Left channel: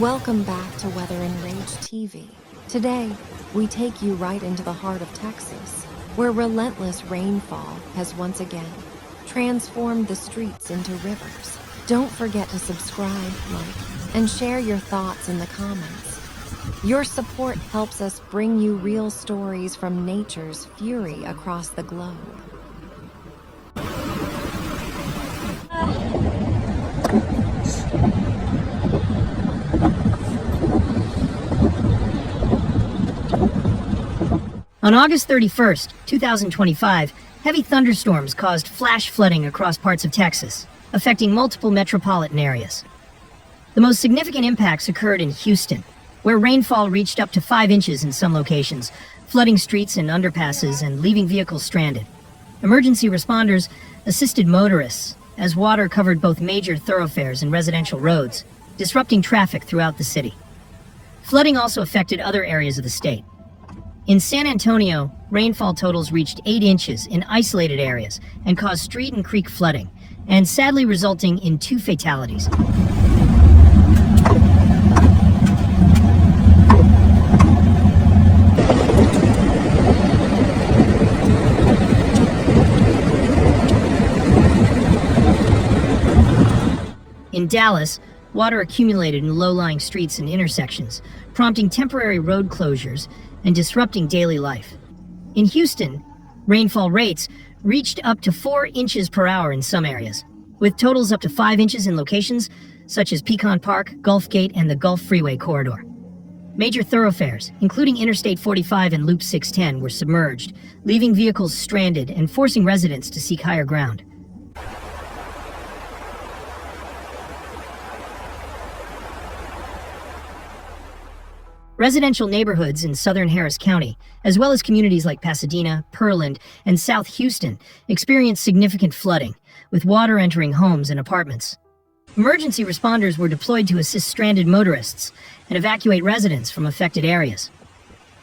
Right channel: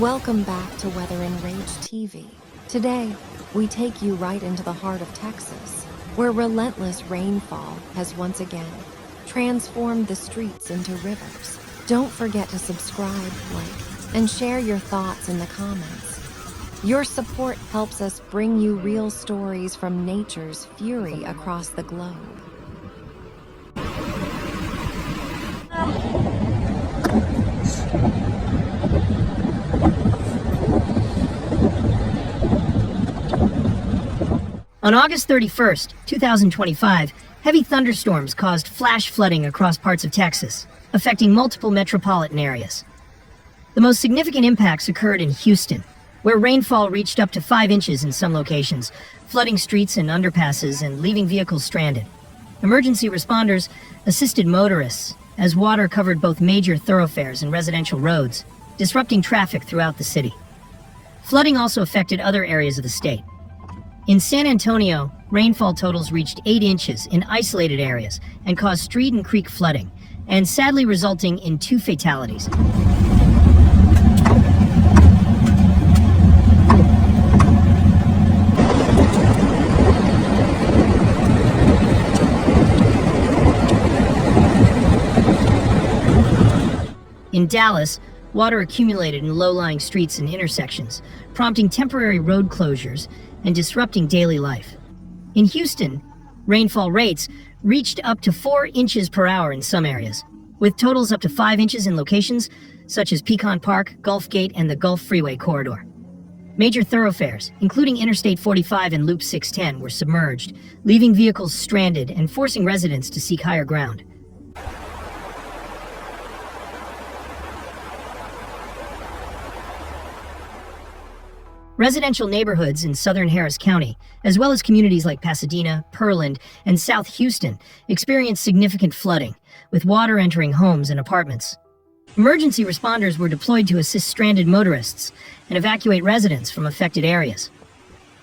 Welcome back to Weather Enraged TV. Today, we take you right into the heart of Texas, where relentless rainfall has once again transformed the streets into rivers. Don't forget to subscribe, like, and share your thoughts in the comments. Your support helps us bring you real stories from nature's fury across the globe. On August 31st, 2025, heavy thunderstorms caused flash flooding across parts of Texas, affecting multiple metropolitan areas. The most significant impacts occurred in Houston, where rainfall reached up to 5 inches in some locations, flooding streets and underpasses and leaving vehicles stranded. Emergency responders assisted motorists as water covered both major thoroughfares and residential roads, disrupting traffic throughout the city. Flooding also affected other areas of the state. In San Antonio, rainfall totals reached 8 inches in isolated areas and caused street and creek flooding, and sadly resulting in 2 fatalities. In Dallas, water accumulated in low-lying streets and intersections, prompting temporary road closures and disrupting daily life. In Houston, rainfall rates reached up to 4 inches per hour in some areas, with totals up to 5 inches in locations such as Pecan Park, Gulf Gate, and the Gulf Freeway corridor. Major thoroughfares, including Interstate 45 and Loop 610, were submerged, leaving vehicles stranded and forcing residents to seek higher ground. Residential neighborhoods in southern Harris County, as well as communities like Pasadena, Pearland, and South Houston, experienced significant flooding, with water entering homes and apartments. Emergency responders were deployed to assist stranded motorists and evacuate residents from affected areas.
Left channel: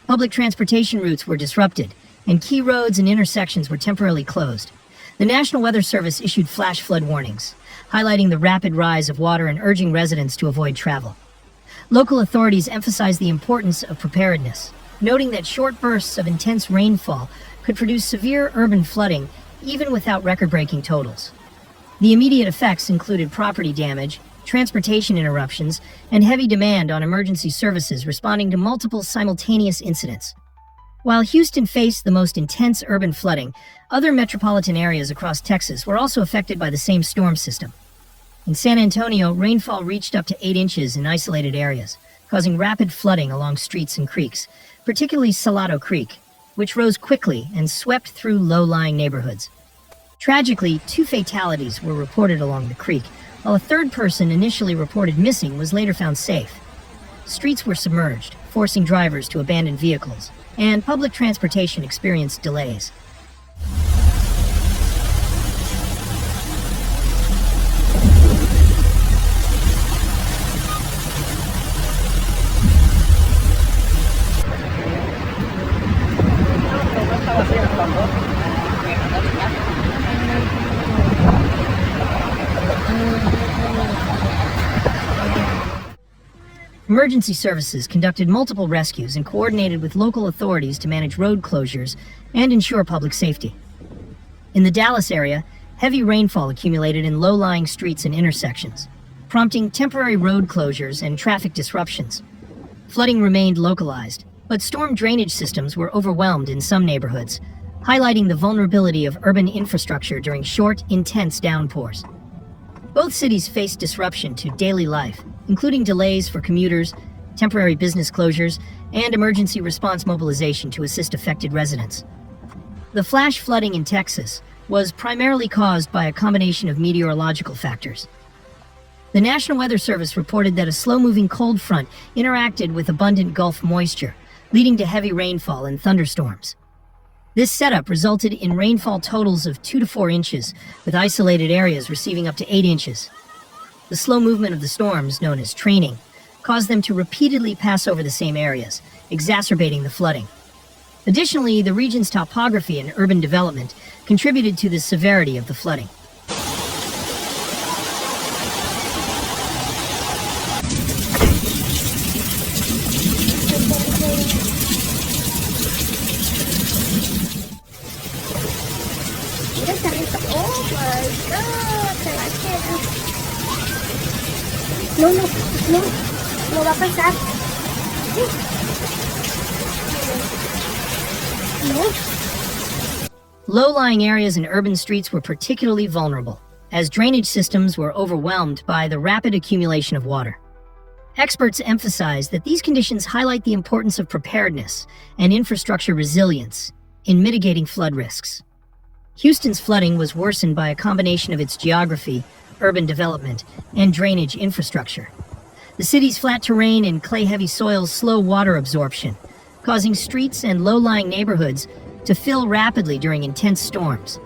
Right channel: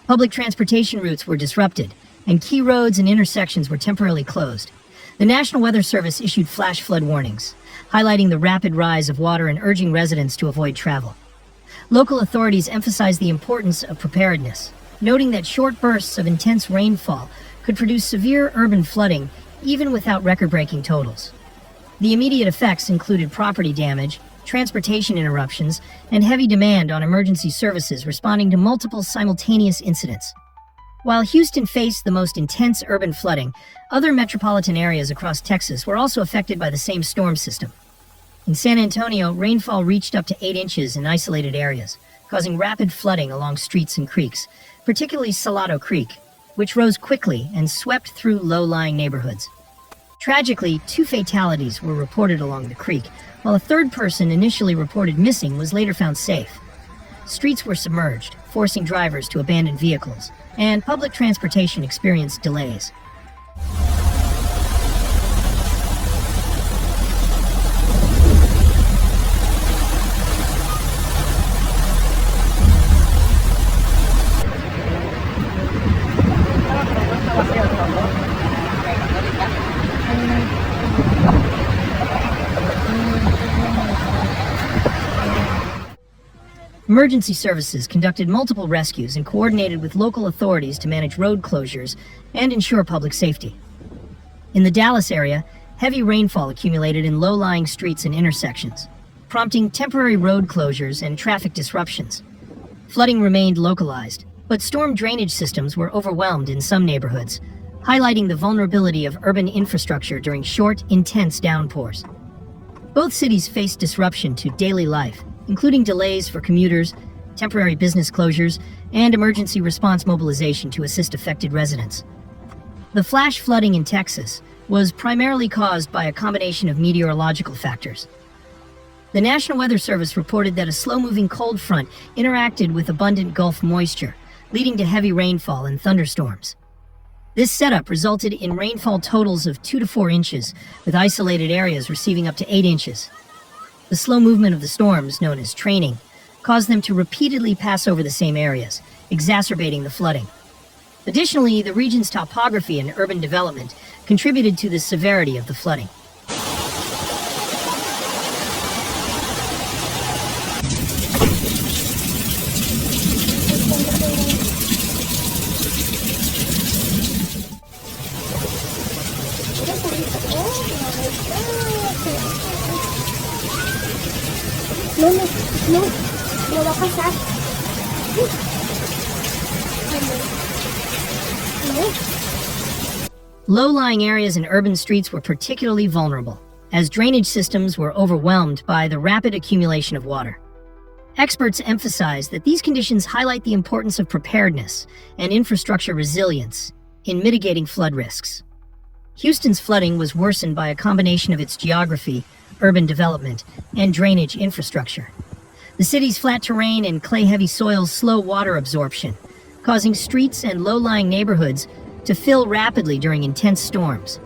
Public transportation routes were disrupted, and key roads and intersections were temporarily closed. The National Weather Service issued flash flood warnings, highlighting the rapid rise of water and urging residents to avoid travel. Local authorities emphasized the importance of preparedness, noting that short bursts of intense rainfall could produce severe urban flooding even without record-breaking totals. The immediate effects included property damage, transportation interruptions, and heavy demand on emergency services responding to multiple simultaneous incidents. While Houston faced the most intense urban flooding, other metropolitan areas across Texas were also affected by the same storm system. In San Antonio, rainfall reached up to 8 inches in isolated areas, causing rapid flooding along streets and creeks, particularly Salado Creek, which rose quickly and swept through low-lying neighborhoods. Tragically, 2 fatalities were reported along the creek, while a third person initially reported missing was later found safe. Streets were submerged, forcing drivers to abandon vehicles, and public transportation experienced delays. Emergency services conducted multiple rescues and coordinated with local authorities to manage road closures and ensure public safety. In the Dallas area, heavy rainfall accumulated in low-lying streets and intersections, prompting temporary road closures and traffic disruptions. Flooding remained localized, but storm drainage systems were overwhelmed in some neighborhoods, highlighting the vulnerability of urban infrastructure during short, intense downpours. Both cities faced disruption to daily life, including delays for commuters, temporary business closures, and emergency response mobilization to assist affected residents. The flash flooding in Texas was primarily caused by a combination of meteorological factors. The National Weather Service reported that a slow-moving cold front interacted with abundant Gulf moisture, leading to heavy rainfall and thunderstorms. This setup resulted in rainfall totals of 2 to 4 inches, with isolated areas receiving up to 8 inches. The slow movement of the storms, known as training, caused them to repeatedly pass over the same areas, exacerbating the flooding. Additionally, the region's topography and urban development contributed to the severity of the flooding. Low-lying areas and urban streets were particularly vulnerable, as drainage systems were overwhelmed by the rapid accumulation of water. Experts emphasize that these conditions highlight the importance of preparedness and infrastructure resilience in mitigating flood risks. Houston's flooding was worsened by a combination of its geography, urban development, and drainage infrastructure. The city's flat terrain and clay-heavy soils slow water absorption, causing streets and low-lying neighborhoods to fill rapidly during intense storms.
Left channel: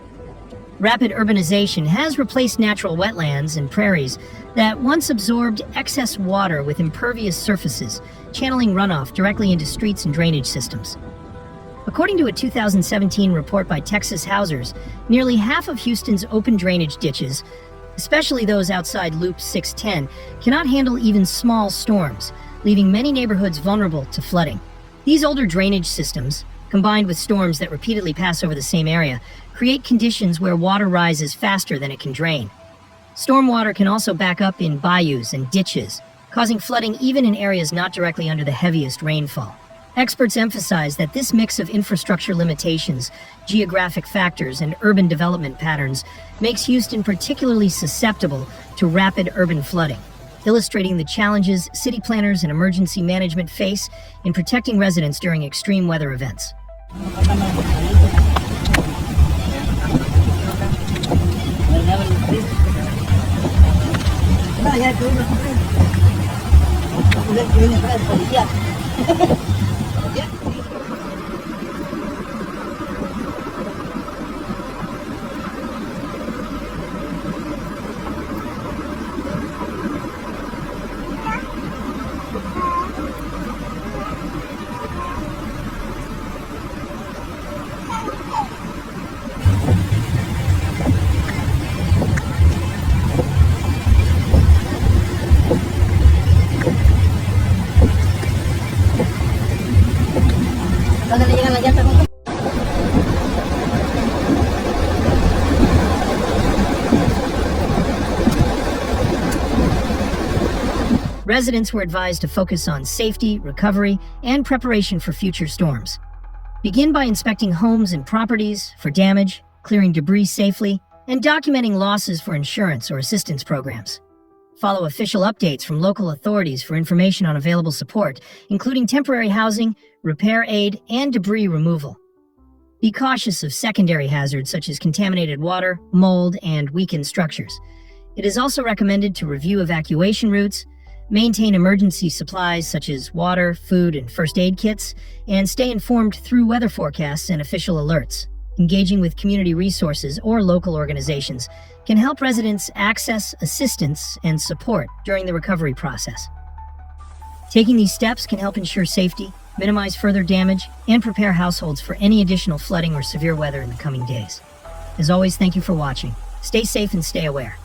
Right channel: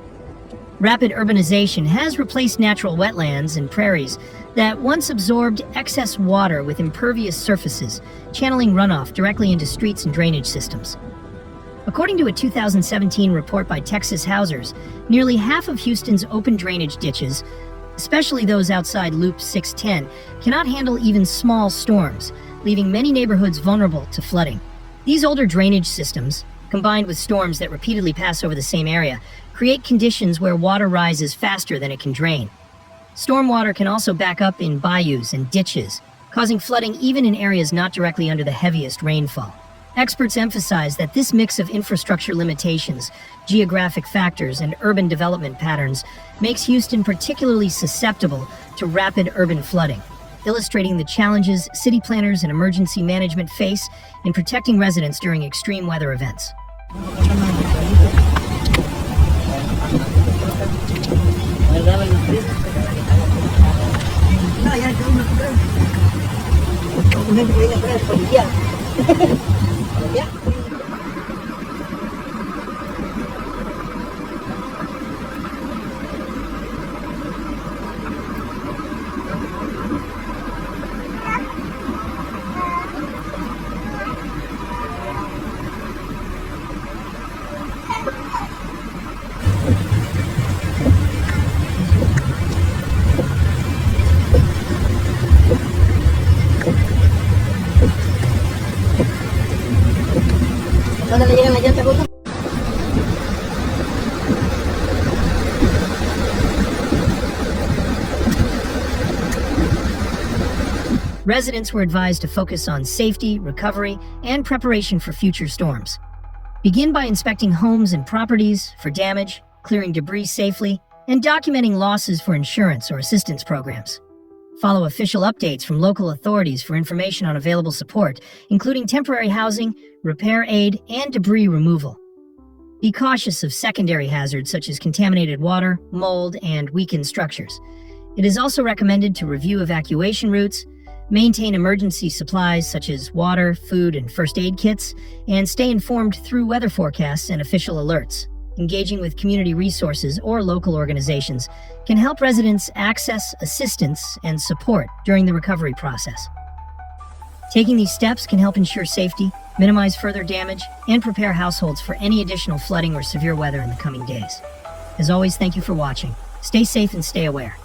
Rapid urbanization has replaced natural wetlands and prairies that once absorbed excess water with impervious surfaces, channeling runoff directly into streets and drainage systems. According to a 2017 report by Texas Housers, nearly half of Houston's open drainage ditches, especially those outside Loop 610, cannot handle even small storms, leaving many neighborhoods vulnerable to flooding. These older drainage systems, combined with storms that repeatedly pass over the same area, create conditions where water rises faster than it can drain. Stormwater can also back up in bayous and ditches, causing flooding even in areas not directly under the heaviest rainfall. Experts emphasize that this mix of infrastructure limitations, geographic factors, and urban development patterns makes Houston particularly susceptible to rapid urban flooding, illustrating the challenges city planners and emergency management face in protecting residents during extreme weather events. Residents were advised to focus on safety, recovery, and preparation for future storms. Begin by inspecting homes and properties for damage, clearing debris safely, and documenting losses for insurance or assistance programs. Follow official updates from local authorities for information on available support, including temporary housing, repair aid, and debris removal. Be cautious of secondary hazards such as contaminated water, mold, and weakened structures. It is also recommended to review evacuation routes, maintain emergency supplies such as water, food, and first aid kits, and stay informed through weather forecasts and official alerts. Engaging with community resources or local organizations can help residents access assistance and support during the recovery process. Taking these steps can help ensure safety, minimize further damage, and prepare households for any additional flooding or severe weather in the coming days. As always, thank you for watching. Stay safe and stay aware.